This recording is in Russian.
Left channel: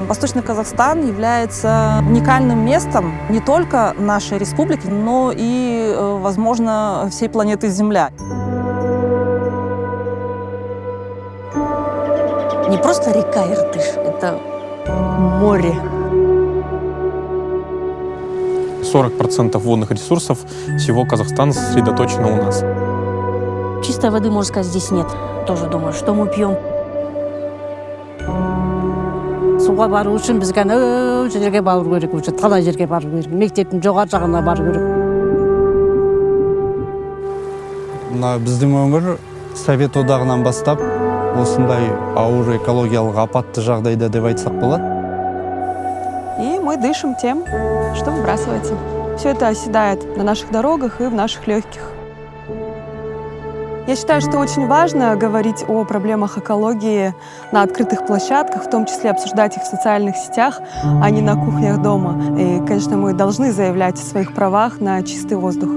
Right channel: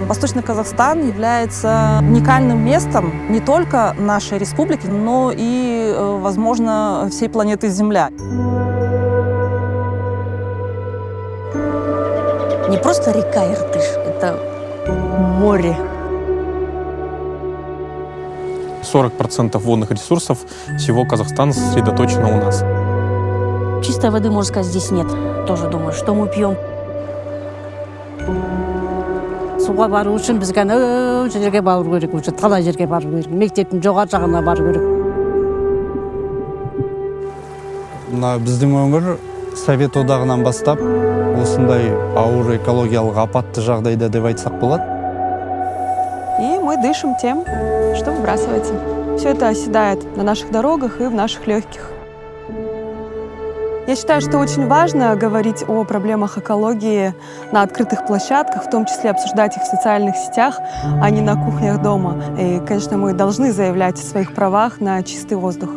Восточный Казахстан является уникальным местом не только нашей республики, но и, возможно, всей планеты Земля. Не просто река Иртыш, это море. 40% водных ресурсов всего Казахстана сосредоточено у нас. Чистой воды, можно сказать, здесь нет. Тоже думаю, что мы пьем. Суға бару үшін бізге анау жерге бару керек, уже талай жерге бару керек. Мектептің жоғары жағына бару керек. Мына біздің өңір Совет одағынан бастап осындай ауыр экологиялық апатты жағдайда деп айтсақ болады. И мы дышим тем, что выбрасывается. Все это оседает на наших дорогах и в наших легких. Я считаю, что очень важно говорить о проблемах экологии на открытых площадках, в том числе обсуждать их в социальных сетях, а не на кухнях дома. И, конечно, мы должны заявлять о своих правах на чистый воздух.